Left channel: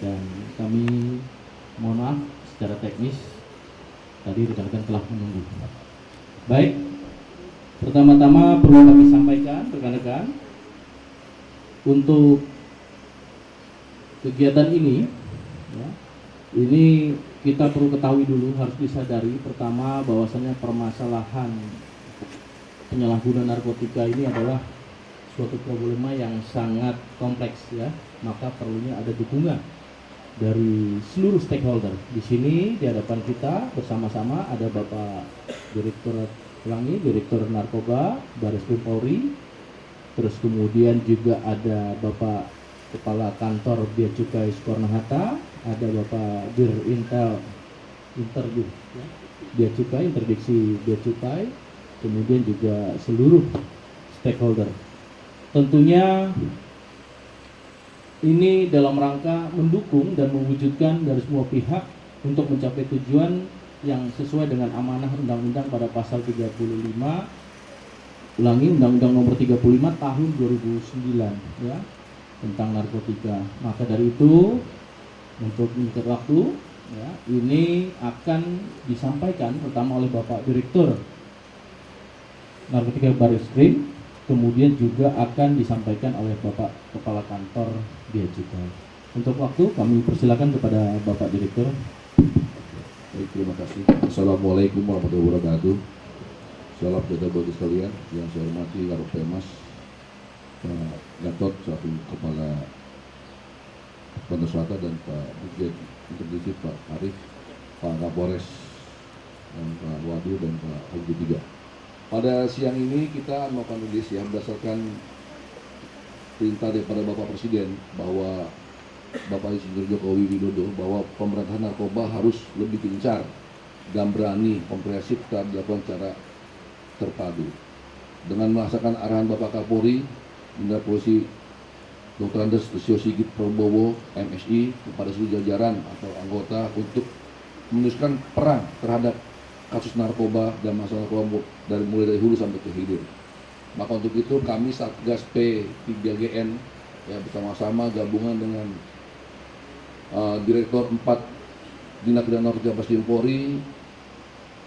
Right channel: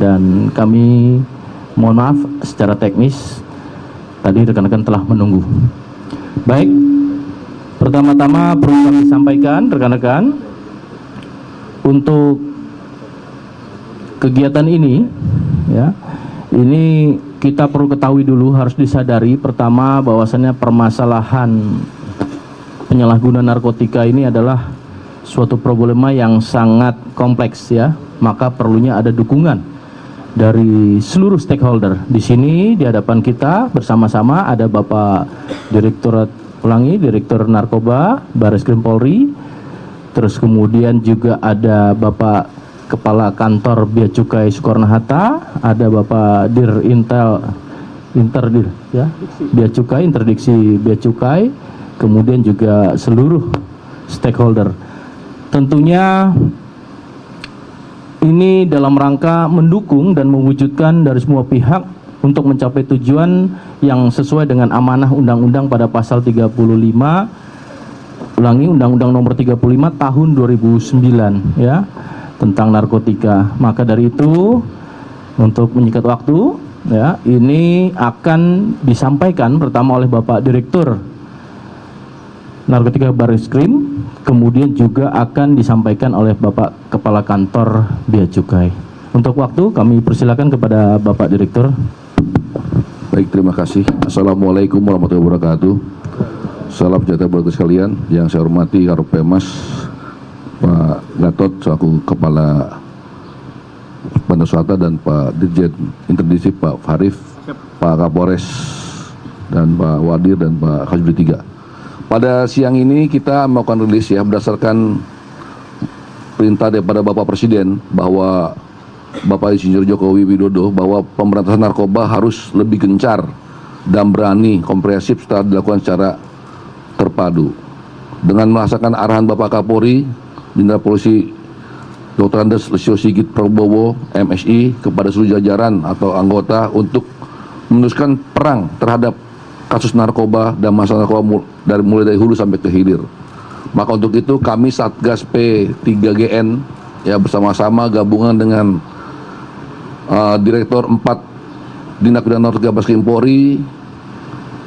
dan kami mohon maaf secara teknis tadi rekan-rekan telah menunggu. Baik, pertama-tama perlu kami sampaikan rekan-rekan, untuk kegiatan ini ya, ini kita perlu ketahui dulu, harus disadari pertama bahwasannya permasalahan penyalahgunaan narkotika ini adalah suatu problema yang sangat kompleks ya, maka perlunya ada dukungan dari seluruh stakeholder. Di sini di hadapan kita bersama-sama ada Bapak Direktur Narkoba Barreskrim Polri, terus kemudian juga ada Bapak Kepala Kantor Bea Cukai Soekarno-Hatta, ada Bapak Interdir ya, Bea Cukai, Interdiksi Bea Cukai, kemudian juga seluruh stakeholder. Tentunya ini dalam rangka mendukung dan mewujudkan dari semua pihak untuk mencapai tujuan yang sesuai dengan amanah undang-undang pada pasal 35, Undang-Undang Nomor 35 Tahun 2009 ya, tentang narkotika. Maka dari itu, untuk menyingkat waktu ya, ini akan disampaikan pertama oleh Bapak Direktur Narkotika Barreskrim, kemudian juga akan disampaikan oleh Bapak Kepala Kantor Bea Cukai. Untuk waktu kami persilakan kepada Bapak Direktur. Baik, terima kasih. Assalamualaikum warahmatullahi wabarakatuh. Salam sejahtera bagi sekalian. Yang saya hormati Karopenmas Pak Gatot selaku Kepala Bandar dan Pak Dirjen Interdiksi Pak Farif, Pak Kapolres dan Pak Wadir dan Pak Kasubdit 3. Pada siang ini kita melakukan rilis ya, berdasarkan perintah daripada Bapak Presiden bahwa Bapak Insinyur Jokowi Widodo bahwa pemberantasan narkoba harus lebih gencar dan berani, komprehensif setelah dilakukan secara terpadu. Dengan melaksanakan arahan Bapak Kapolri, Jenderal Polisi Dr. Andes Lesio Sigit Prabowo, MSI, kepada seluruh jajaran atau anggota untuk meneruskan perang terhadap kasus narkoba dan masalah narkoba mulai dari hulu sampai ke hilir. Maka untuk itu kami Satgas P3GN ya, bersama-sama gabungan dengan Direktur 4 Tindak Pidana Narkotika Barreskrim Polri,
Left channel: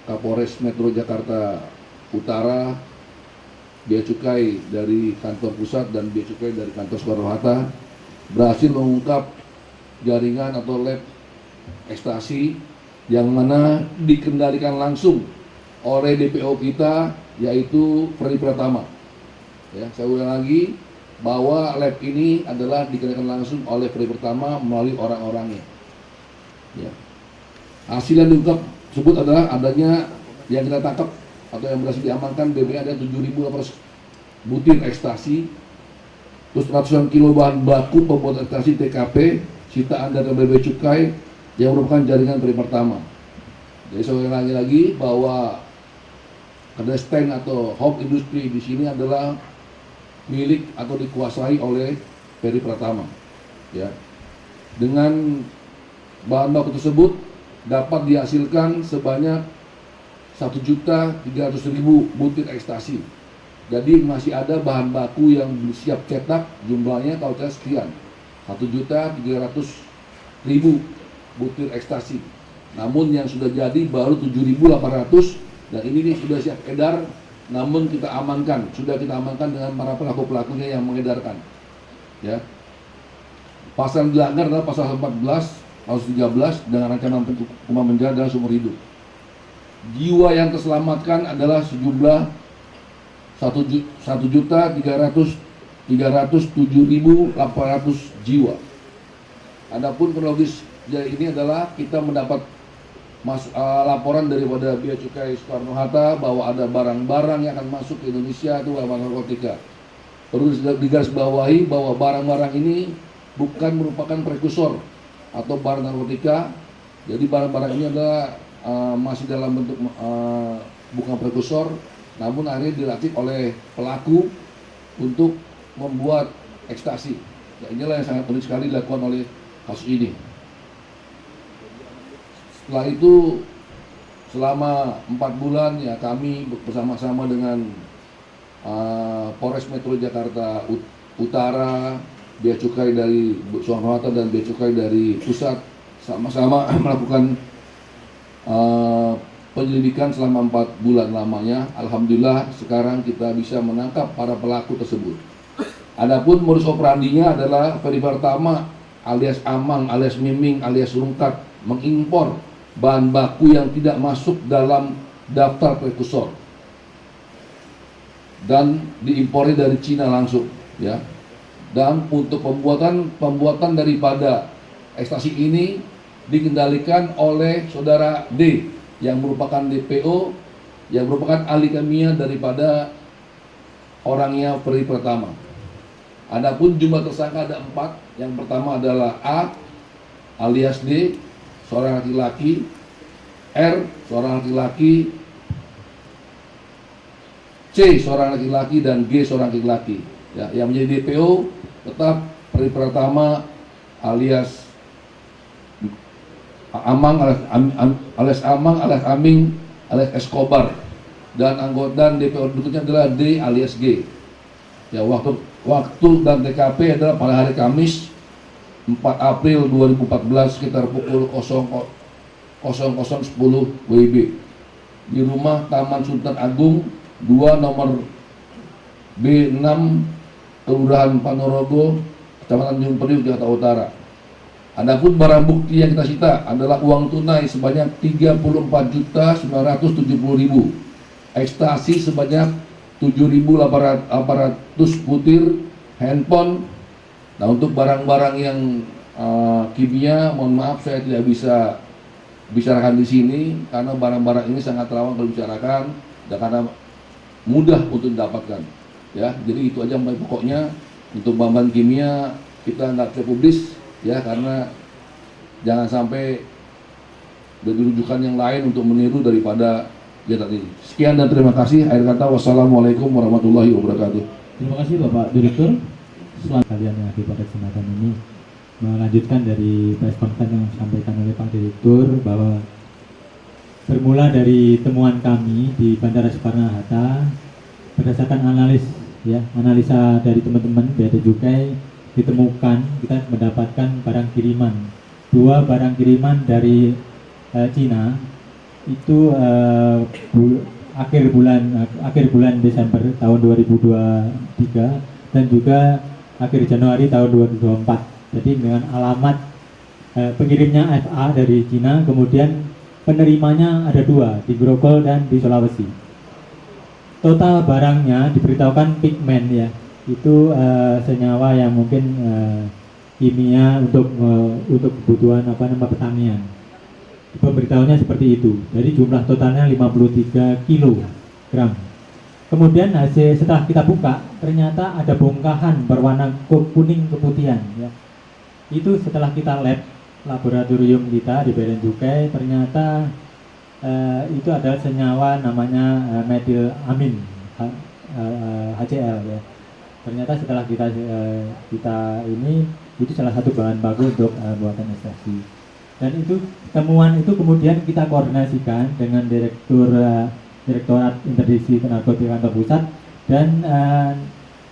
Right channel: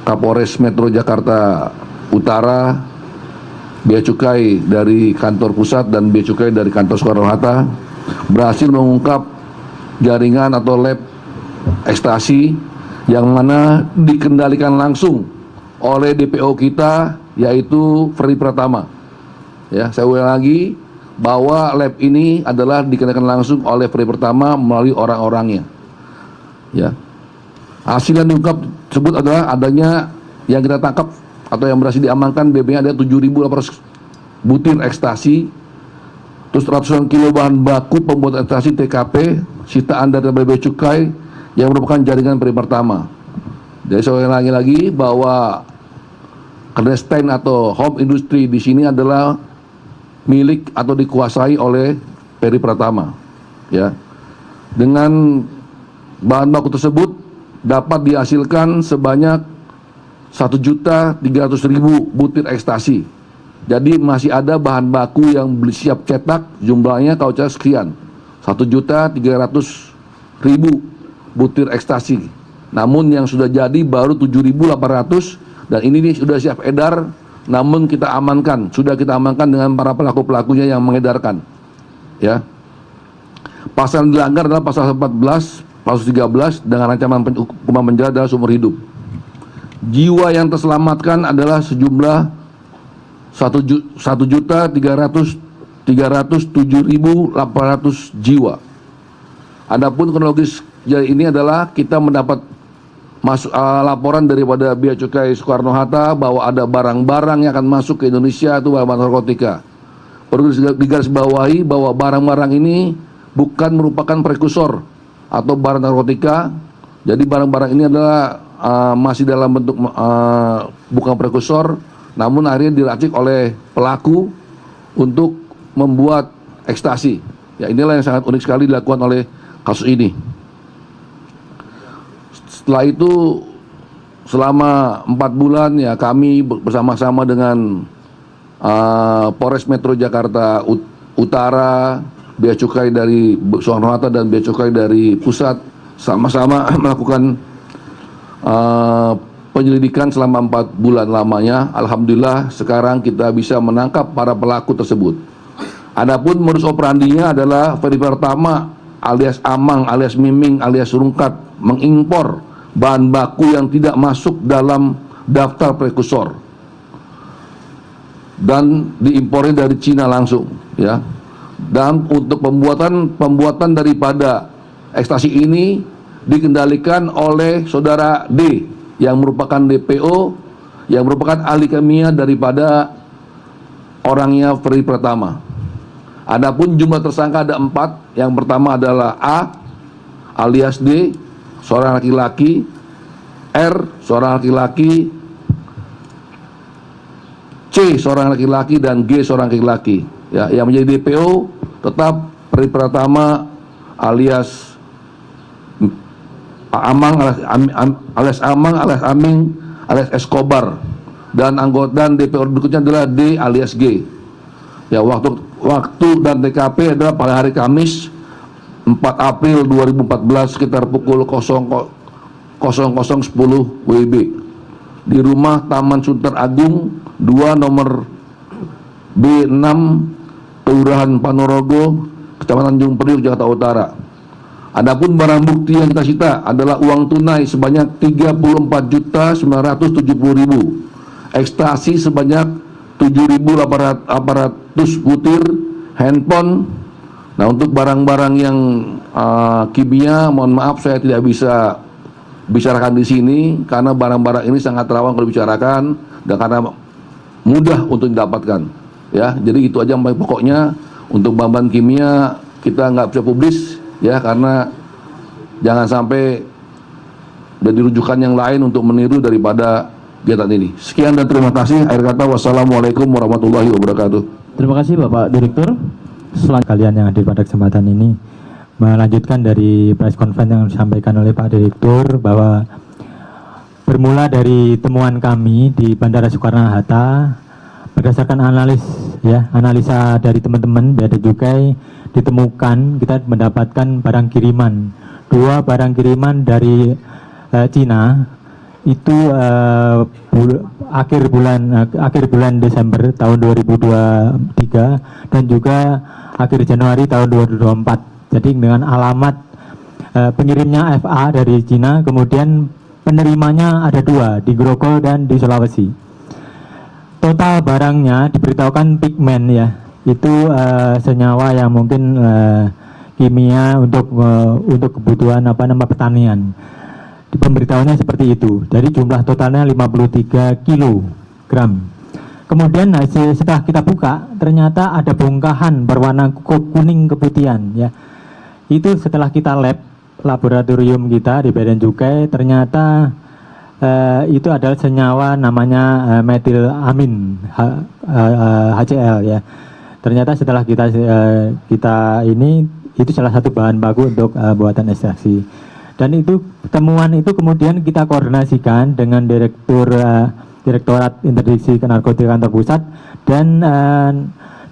Kapolres Metro Jakarta Utara, Bea Cukai dari kantor pusat dan Bea Cukai dari kantor Soekarno-Hatta berhasil mengungkap jaringan atau lab ekstasi yang mana dikendalikan langsung oleh DPO kita, yaitu Ferdi Pratama. Ya, saya ulang lagi bahwa lab ini adalah dikendalikan langsung oleh Ferdi Pratama melalui orang-orangnya. Ya, hasil yang diungkap tersebut adalah adanya yang kita tangkap atau yang berhasil diamankan BB-nya ada 7.800 butir ekstasi, terus ratusan kilo bahan baku pembuatan ekstasi TKP, sitaan dari Bea Cukai yang merupakan jaringan Ferdi Pratama. Jadi saya ulangi lagi bahwa clandestine atau home industry di sini adalah milik atau dikuasai oleh Ferdi Pratama. Ya, dengan bahan baku tersebut dapat dihasilkan sebanyak 1.300.000 butir ekstasi. Jadi masih ada bahan baku yang siap cetak, jumlahnya kalau saya sekian, 1.300.000 butir ekstasi. Namun yang sudah jadi baru 7.800 dan ini sudah siap edar, namun kita amankan, sudah kita amankan dengan para pelaku-pelakunya yang mengedarkan. Ya. Pasal yang dilanggar adalah pasal 14, pasal 13 dengan ancaman hukuman penjara dan seumur hidup. Jiwa yang terselamatkan adalah sejumlah 1.307.800 jiwa. Adapun kronologis ini adalah kita mendapat laporan daripada Bea Cukai Soekarno-Hatta bahwa ada barang-barang yang akan masuk ke Indonesia itu barang narkotika. Perlu digarisbawahi bahwa barang-barang ini bukan merupakan prekursor atau barang narkotika. Jadi barang-barang ini adalah masih dalam bentuk bukan prekursor, namun akhirnya diracik oleh pelaku untuk membuat ekstasi. Ya, inilah yang sangat unik sekali dilakukan oleh kasus ini. Setelah itu selama 4 bulan ya kami bersama-sama dengan Polres Metro Jakarta Utara, Bea Cukai dari Soekarno Hatta dan Bea Cukai dari pusat sama-sama melakukan penyelidikan selama 4 bulan lamanya. Alhamdulillah sekarang kita bisa menangkap para pelaku tersebut. Adapun modus operandinya adalah Ferry Pertama alias Amang alias Miming alias Rungkat mengimpor bahan baku yang tidak masuk dalam daftar prekursor dan diimpornya dari Cina langsung, ya. Dan untuk pembuatan daripada ekstasi ini dikendalikan oleh saudara D yang merupakan DPO, yang merupakan ahli kimia daripada orangnya Ferry Pertama. Adapun jumlah tersangka ada 4. Yang pertama adalah A alias D, seorang laki-laki, R seorang laki-laki, C seorang laki-laki, dan G seorang laki-laki. Ya, yang menjadi DPO tetap Ferry Pertama alias Amang alias Aming alias Escobar, dan anggota DPO berikutnya adalah D alias G. Ya, waktu dan TKP adalah pada hari Kamis 4 April 2014 sekitar pukul 00.10 WIB di rumah Taman Sunter Agung 2 nomor B6 Kelurahan Ponorogo, Kecamatan Tanjung Priok, Jakarta Utara. Adapun barang bukti yang kita sita adalah uang tunai sebanyak 34.970.000, ekstasi sebanyak 7.800 butir, handphone. Nah, untuk barang-barang yang kimia, mohon maaf saya tidak bisa bicarakan di sini karena barang-barang ini sangat rawan kalau dibicarakan dan karena mudah untuk didapatkan. Ya, jadi itu aja yang paling pokoknya. Untuk bahan kimia kita nggak bisa publis, ya, karena jangan sampai jadi rujukan yang lain untuk meniru daripada kegiatan ini. Sekian dan terima kasih. Akhir kata, wassalamualaikum warahmatullahi wabarakatuh. Terima kasih Bapak Direktur. Kalian yang hadir pada kesempatan ini melanjutkan dari press conference yang disampaikan oleh Pak Direktur, bahwa bermula dari temuan kami di Bandara Soekarno-Hatta berdasarkan analisa dari teman-teman Bea Cukai, ditemukan kita mendapatkan barang kiriman, 2 barang kiriman dari Cina itu akhir bulan Desember tahun 2023 dan juga akhir Januari tahun 2024. Jadi dengan alamat pengirimnya FA dari Cina, kemudian penerimanya ada 2 di Grogol dan di Sulawesi. Total barangnya diberitahukan pigmen, ya, itu senyawa yang mungkin kimia untuk kebutuhan pertanian. Di pemberitahuannya seperti itu. Dari jumlah totalnya 53 kilogram. Kemudian setelah kita buka, ternyata ada bongkahan berwarna kuning keputihan, ya. Itu setelah kita laboratorium kita di Bea Cukai, ternyata itu adalah senyawa namanya metilamin HCl, ya. Ternyata setelah kita ini itu salah satu bahan baku untuk buatan ekstraksi. Dan itu temuan itu kemudian kita koordinasikan dengan Direktorat Interdiksi Narkotika Kantor Pusat dan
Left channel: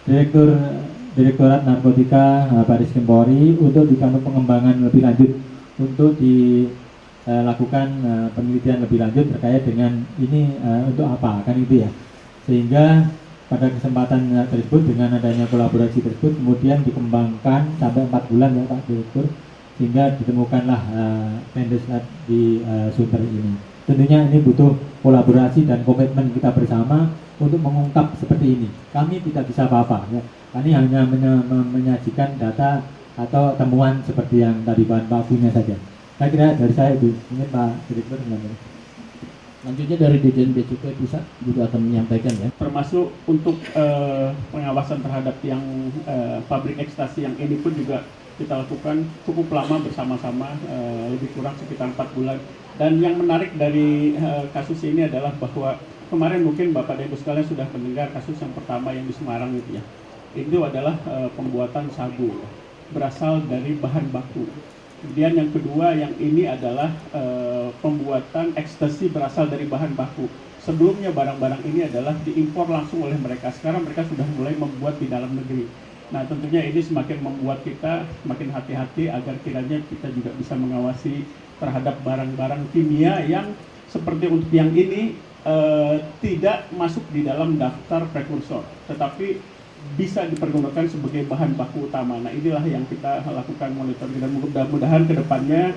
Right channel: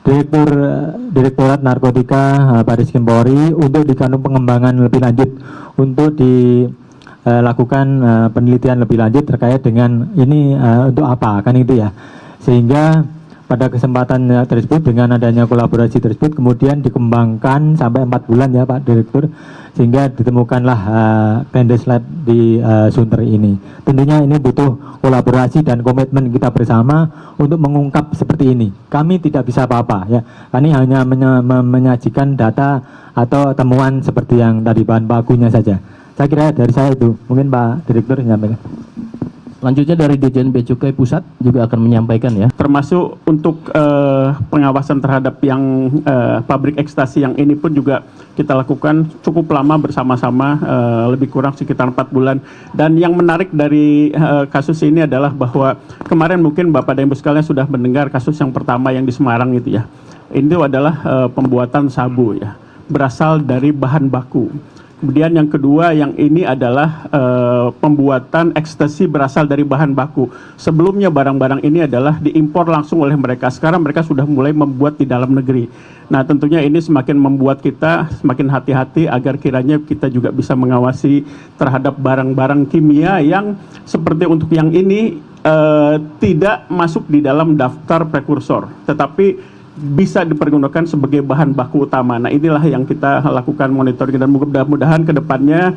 Direktorat Narkotika Baris Krim Polri untuk dilakukan pengembangan lebih lanjut, untuk dilakukan penelitian lebih lanjut terkait dengan ini untuk apa, kan itu, ya. Sehingga pada kesempatan tersebut dengan adanya kolaborasi tersebut kemudian dikembangkan sampai 4 bulan, ya Pak Direktur, sehingga ditemukanlah Pendes Lab di Sunter ini. Tentunya ini butuh kolaborasi dan komitmen kita bersama untuk mengungkap seperti ini. Kami tidak bisa apa-apa, ya. Kami hanya menyajikan data atau temuan seperti yang tadi bahan bakunya saja. Saya kira dari saya itu, mungkin Pak Direktur menyampaikan. Selanjutnya dari Dirjen Bea Cukai Pusat juga akan menyampaikan, ya. Termasuk untuk pengawasan terhadap yang pabrik ekstasi yang ini pun juga kita lakukan cukup lama bersama-sama, lebih kurang sekitar 4 bulan. Dan yang menarik dari kasus ini adalah bahwa kemarin mungkin Bapak dan Ibu sekalian sudah mendengar kasus yang pertama yang di Semarang itu, ya. Itu adalah pembuatan sabu, ya, berasal dari bahan baku. Kemudian yang kedua, yang ini adalah pembuatan ekstasi berasal dari bahan baku. Sebelumnya barang-barang ini adalah diimpor langsung oleh mereka. Sekarang mereka sudah mulai membuat di dalam negeri. Nah, tentunya ini semakin membuat kita semakin hati-hati agar kiranya kita juga bisa mengawasi terhadap barang-barang kimia yang seperti untuk yang ini tidak masuk di dalam daftar prekursor, tetapi bisa dipergunakan sebagai bahan baku utama. Nah, inilah yang kita lakukan monitoring, dan mudah-mudahan ke depannya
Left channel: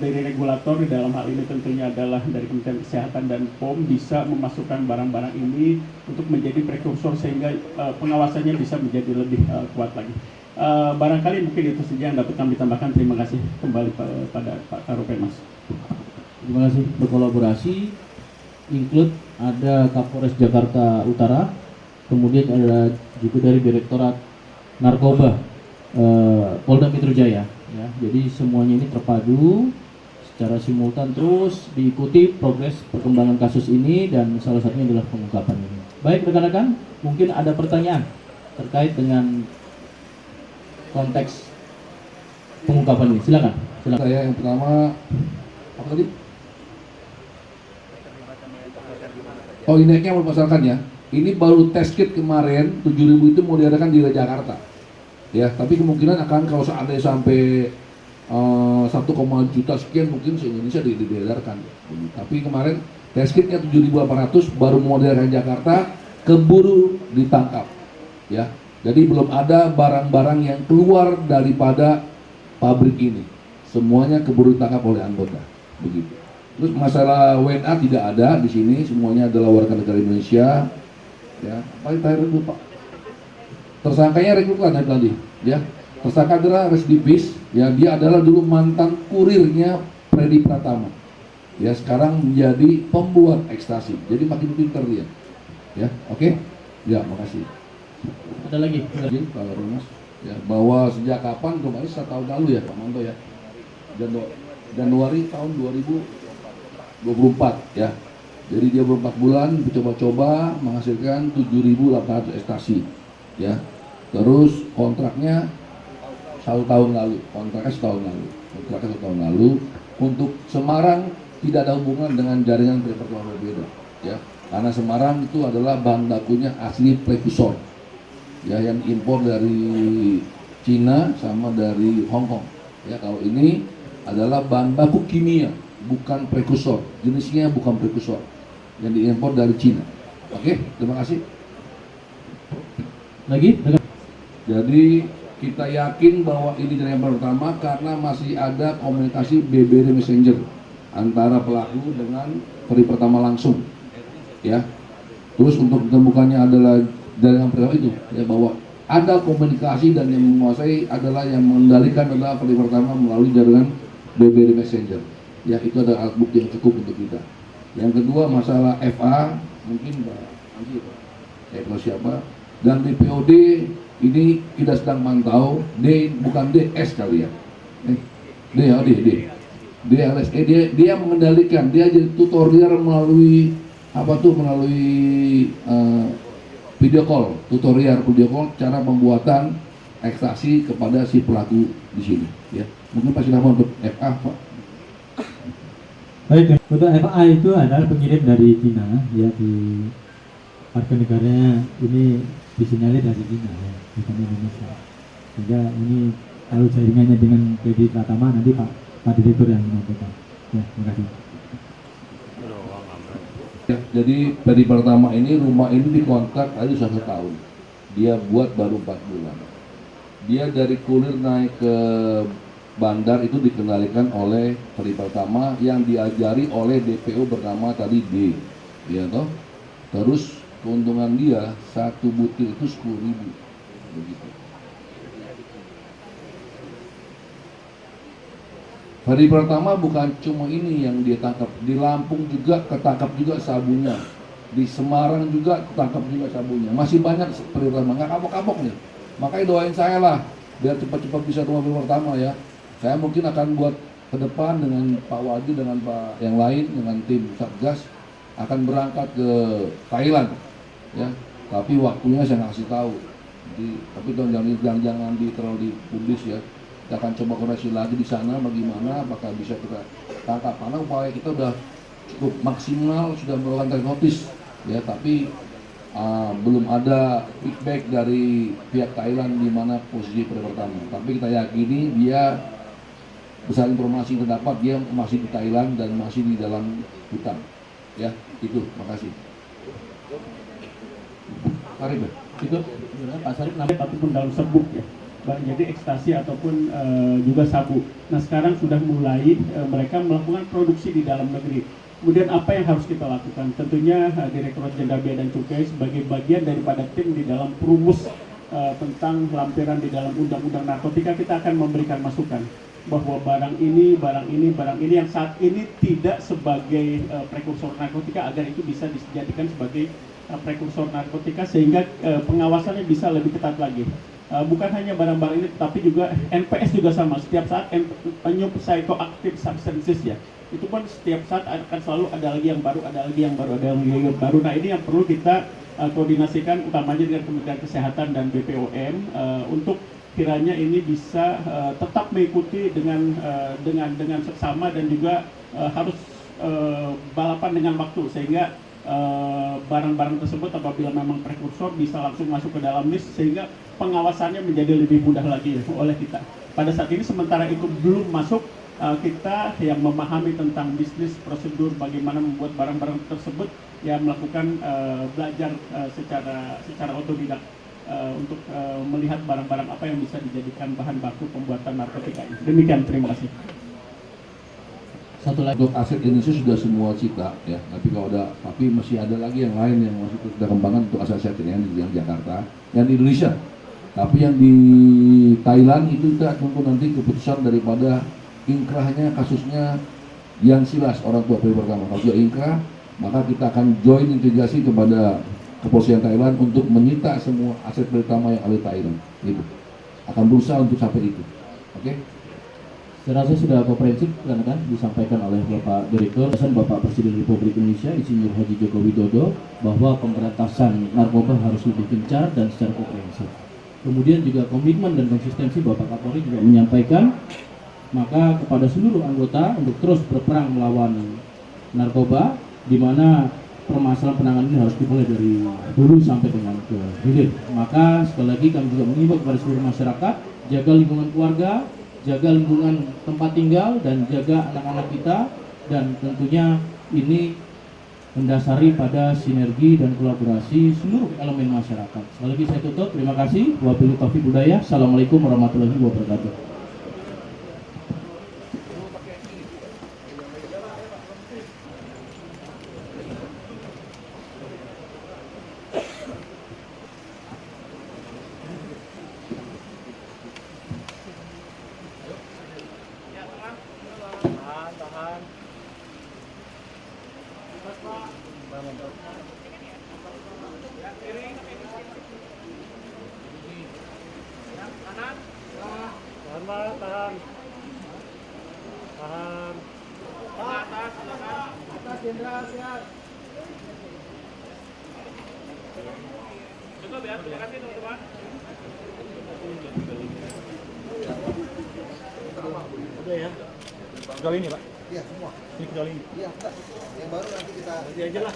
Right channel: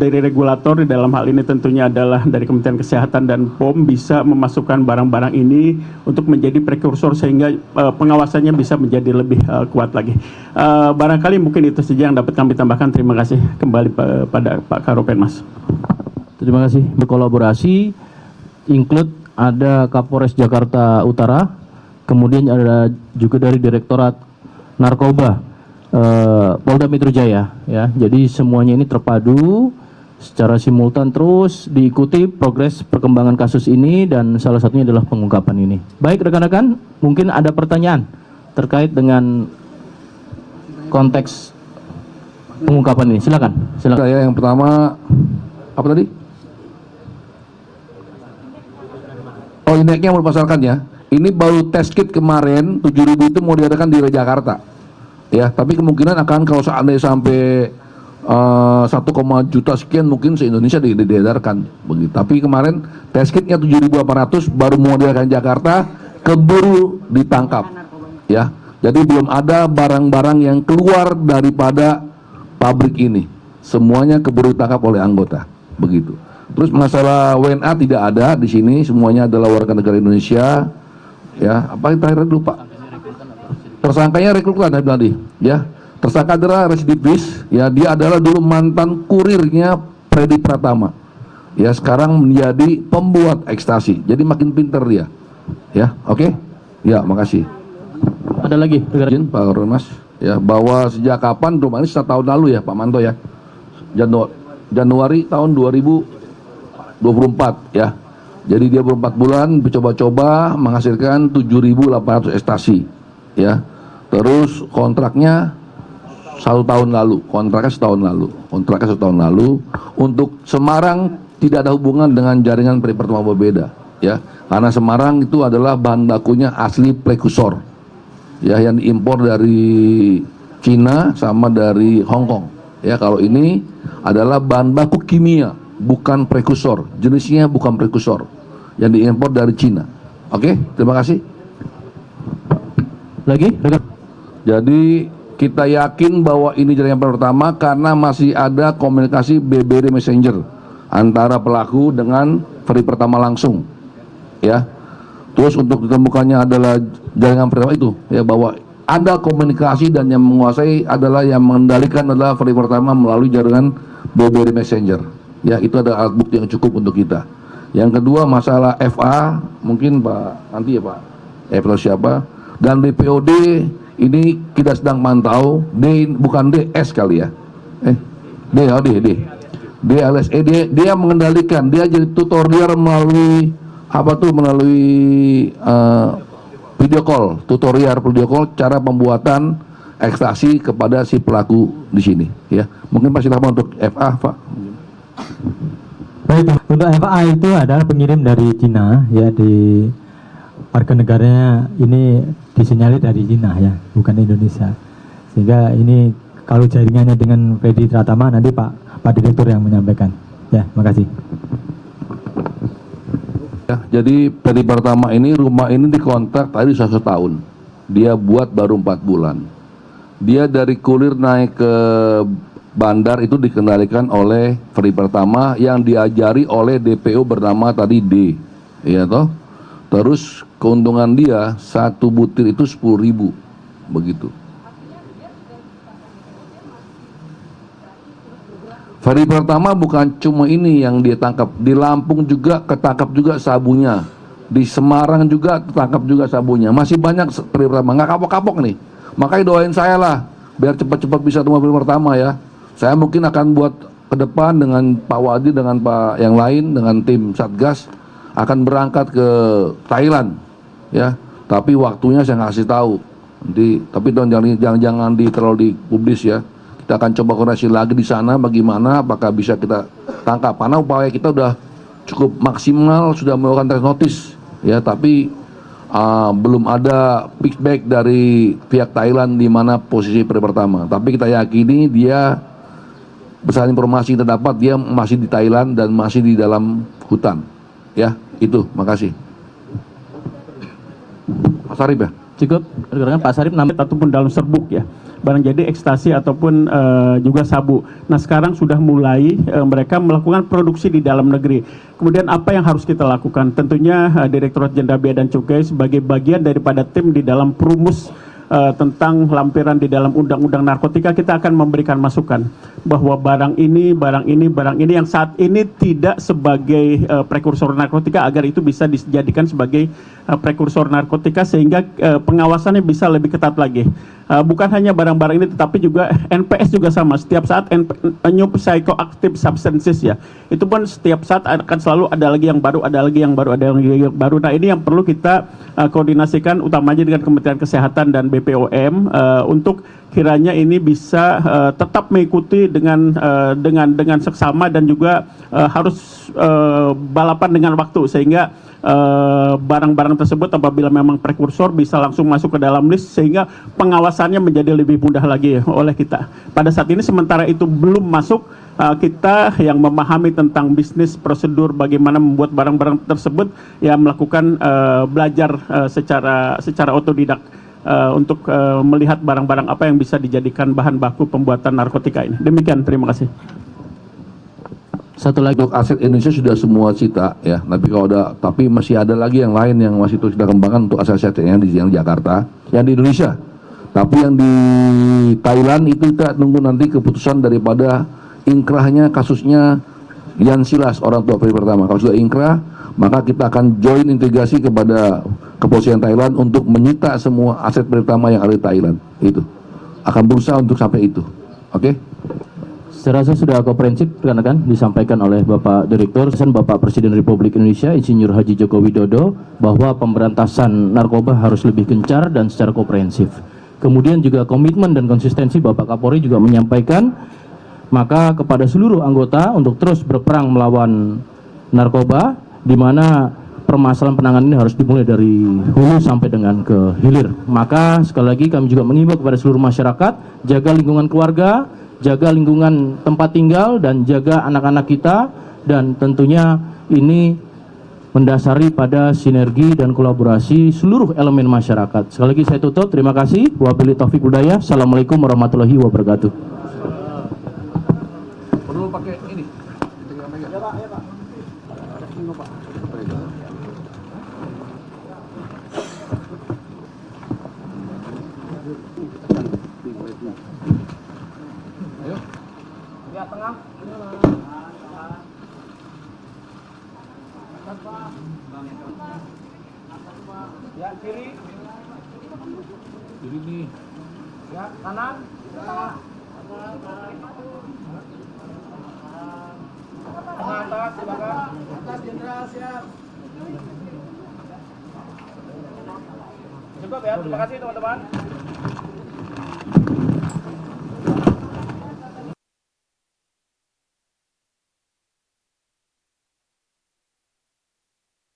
dari regulator di dalam hal ini tentunya adalah dari Kementerian Kesehatan dan POM bisa memasukkan barang-barang ini untuk menjadi prekursor sehingga pengawasannya bisa menjadi lebih kuat lagi. Barangkali mungkin itu saja yang dapat kami tambahkan. Terima kasih kembali pada Pak Karopenmas. Terima kasih. Berkolaborasi include ada Kapolres Jakarta Utara, kemudian ada juga dari Direktorat Narkoba Polda Metro Jaya, ya. Jadi semuanya ini terpadu secara simultan, terus diikuti progres perkembangan kasus ini, dan salah satunya adalah pengungkapan ini. Baik rekan-rekan, mungkin ada pertanyaan terkait dengan konteks pengungkapan ini. Silakan. Saya yang pertama, apa tadi? Oh, ini yang mau dipasarkan ya. Ini baru test kit kemarin, 7.000 itu mau diadakan di Jakarta. Ya, tapi kemungkinan akan kalau seandainya sampai 1, juta sekian mungkin se-Indonesia diedarkan begitu. Tapi kemarin test kitnya 7.800 baru mau diadakan di Jakarta, keburu ditangkap. Ya. Jadi belum ada barang-barang yang keluar daripada pabrik ini. Semuanya keburu ditangkap oleh anggota, begitu. Terus masalah WNA tidak ada di sini, semuanya adalah warga negara Indonesia. Ya, apa yang terakhir lupa? Tersangkanya rekrutan tadi, ya. Tersangka adalah residivis, ya, dia adalah dulu mantan kurirnya Freddy Pratama. Ya, sekarang menjadi pembuat ekstasi. Jadi makin pinter dia. Ya, oke? Ya, makasih. Ada lagi? Izin Pak Ormas, ya, bahwa sejak kapan rumah ini 1 tahun lalu ya Pak Manto ya. Januari tahun 2024 ya. Jadi dia 4 bulan mencoba-coba menghasilkan 7.800 ekstasi, ya. Terus kontraknya 1 tahun lalu, kontraknya setahun lalu. Untuk Semarang tidak ada hubungan dengan jaringan Freddy Pratama berbeda, ya. Karena Semarang itu adalah bahan bakunya asli prekursor, ya, yang diimpor dari Cina sama dari Hong Kong. Ya, kalau ini adalah bahan baku kimia, bukan prekursor, jenisnya bukan prekursor, yang diimpor dari Cina. Oke, terima kasih. Lagi? Jadi kita yakin bahwa ini jaringan pertama karena masih ada komunikasi BBM Messenger antara pelaku dengan Freddy Pratama langsung, ya. Terus untuk ditemukannya adalah jaringan pertama itu, ya, bahwa ada komunikasi dan yang menguasai adalah yang mengendalikan adalah Freddy Pratama melalui jaringan BBM Messenger. Ya, itu ada alat bukti yang cukup untuk kita. Yang kedua masalah FA, mungkin Pak nanti ya Pak, atau siapa, dan DPOD ini kita sedang pantau. D bukan DS kali ya, D alias dia mengendalikan, dia jadi tutorial melalui apa tuh, melalui video call cara pembuatan ekstasi kepada si pelaku di sini, ya. Mungkin Pak silakan untuk FA Pak. Baik, untuk FA itu adalah pengirim dari Cina, ya, di warga negaranya ini disinyalir dari Cina, ya, bukan Indonesia. Sehingga ini kalau jaringannya dengan Freddy Pratama nanti Pak Direktur yang menyampaikan. Ya, makasih. Ya, jadi Freddy Pratama ini rumah ini dikontrak tadi 1 tahun. Dia buat baru 4 bulan. Dia dari kurir naik ke bandar itu dikendalikan oleh Freddy Pratama yang diajari oleh DPO bernama tadi D, ya toh. Terus keuntungan dia 1 butir itu 10.000, begitu. Freddy Pratama bukan cuma ini yang dia tangkap, di Lampung juga ketangkap juga sabunya, di Semarang juga ketangkap juga sabunya. Masih banyak Freddy Pratama, nggak kapok-kapok nih. Makanya doain saya lah biar cepat-cepat bisa ketemu Freddy Pratama, ya. Saya mungkin akan buat ke depan dengan Pak Wadi, dengan Pak yang lain, dengan tim Satgas akan berangkat ke Thailand, ya. Tapi waktunya saya nggak kasih tahu. Nanti, tapi jangan terlalu dipublis, ya. Kita akan coba koordinasi lagi di sana bagaimana apakah bisa kita tangkap. Karena upaya kita udah cukup maksimal, sudah melakukan trade notice ya, tapi belum ada feedback dari pihak Thailand di mana posisi pertama. Tapi kita yakini dia berdasarkan informasi yang terdapat dia masih di Thailand dan masih di dalam hutan. Ya, itu. Makasih. Pak Sarip ya? Cukup, rekan Pak Sarip ataupun dalam serbuk ya, barang jadi ekstasi ataupun juga sabu. Nah sekarang sudah mulai mereka melakukan produksi di dalam negeri. Kemudian apa yang harus kita lakukan? Tentunya Direktorat Jenderal Bea dan Cukai sebagai bagian daripada tim di dalam perumus tentang lampiran di dalam Undang-Undang Narkotika, kita akan memberikan masukan bahwa barang ini yang saat ini tidak sebagai prekursor narkotika agar itu bisa dijadikan sebagai prekursor narkotika sehingga pengawasannya bisa lebih ketat lagi. Bukan hanya barang-barang ini tetapi juga NPS juga sama. Setiap saat new psychoactive substances ya, itu pun setiap saat akan selalu ada lagi yang baru, ada lagi yang baru, ada lagi yang baru. Nah ini yang perlu kita koordinasikan utamanya dengan Kementerian Kesehatan dan BPOM untuk kiranya ini bisa tetap mengikuti dengan seksama dan juga harus balapan dengan waktu sehingga barang-barang tersebut apabila memang prekursor bisa langsung masuk ke dalam list sehingga pengawasannya menjadi lebih mudah lagi oleh kita. Pada saat ini sementara itu belum masuk, kita yang memahami tentang bisnis prosedur bagaimana membuat barang-barang tersebut ya melakukan belajar secara otodidak untuk melihat barang-barang apa yang bisa dijadikan bahan baku pembuatan narkotika ini. Demikian, terima kasih. Satu lagi. Untuk aset Indonesia sudah semua cita ya, tapi masih ada lagi yang lain yang masih terus kita kembangkan untuk aset-asetnya di Jakarta, yang di Indonesia. Tapi yang di Thailand itu kita nunggu nanti keputusan daripada inkrahnya kasusnya Yan Silas, orang tua peri pertama. Kalau sudah inkrah, maka kita akan join integrasi kepada kepolisian Thailand untuk menyita semua aset pertama yang ada di Thailand. Itu akan berusaha untuk sampai itu. Oke? Saya rasa sudah komprehensif rekan-rekan disampaikan oleh Bapak Direktur, Bapak Presiden Republik Indonesia Insinyur Haji Joko Widodo bahwa pemberantasan narkoba harus lebih gencar dan secara komprehensif. Kemudian juga komitmen dan konsistensi Bapak Kapolri juga menyampaikan maka kepada seluruh anggota untuk terus berperang melawan narkoba, di mana permasalahan penanganan ini harus dimulai dari hulu sampai dengan ke hilir. Maka sekali lagi kami juga mengimbau kepada seluruh masyarakat, jaga lingkungan keluarga, jaga lingkungan tempat tinggal, dan jaga anak-anak kita, dan tentunya ini mendasari pada sinergi dan kolaborasi seluruh elemen masyarakat. Sekali lagi saya tutup, terima kasih. Wabillahi taufiq wal hidayah. Assalamualaikum warahmatullahi wabarakatuh. Cukup ya, terima kasih teman-teman. Udah ya. Kecuali ini Pak? Iya semua. Ini kecuali ini? Iya enggak. Yang baru nanti kita... Nanti aja lah.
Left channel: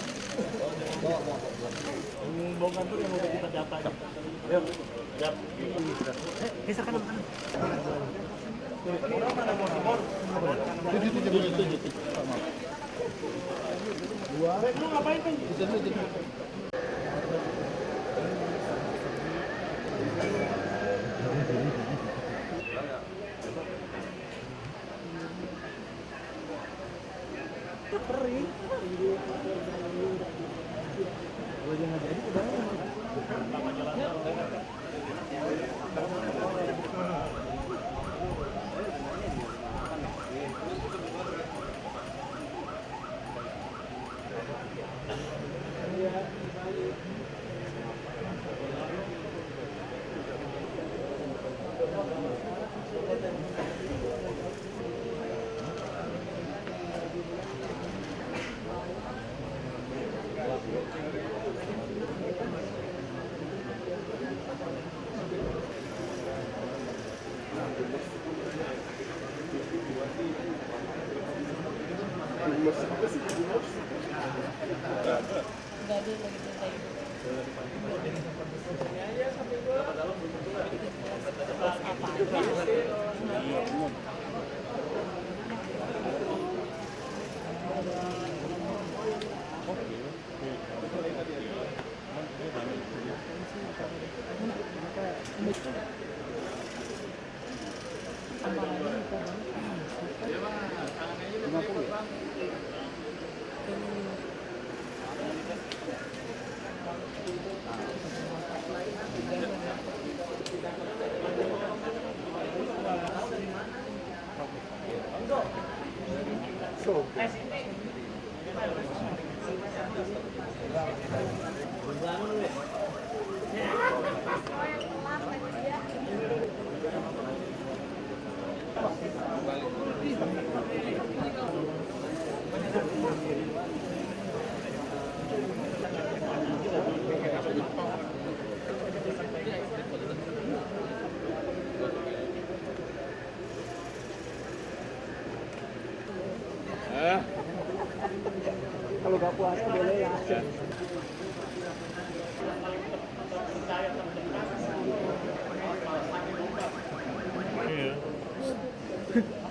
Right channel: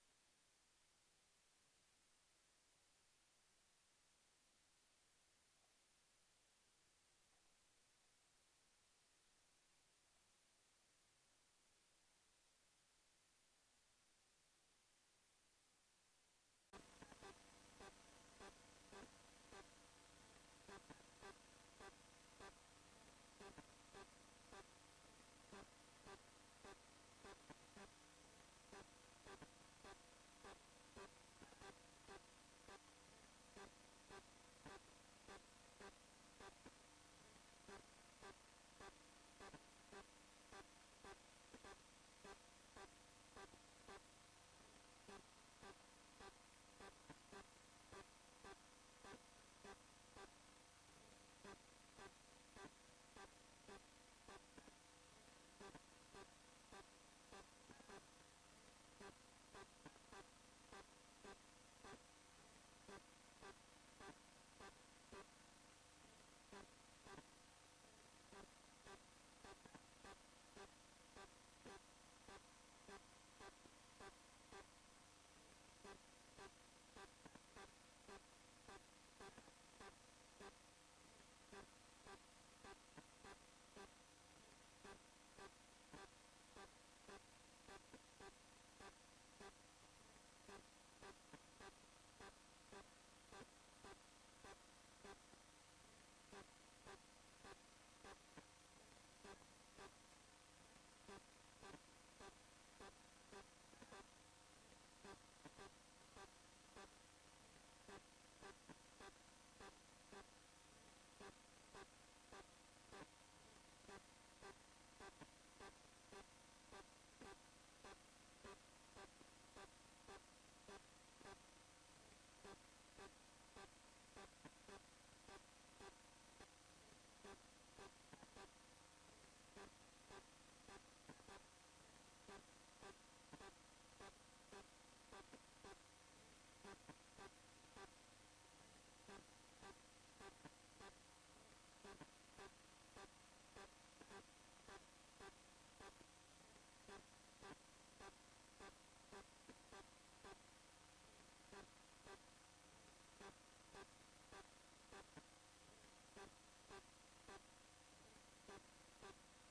Bawa. Yang bawa kantor yang udah kita data. Yuk. Siap. Bisa kan mana? Orang mana mau? Itu. Lu ngapain kan? Kalau nggak puasa boleh ya. Iya.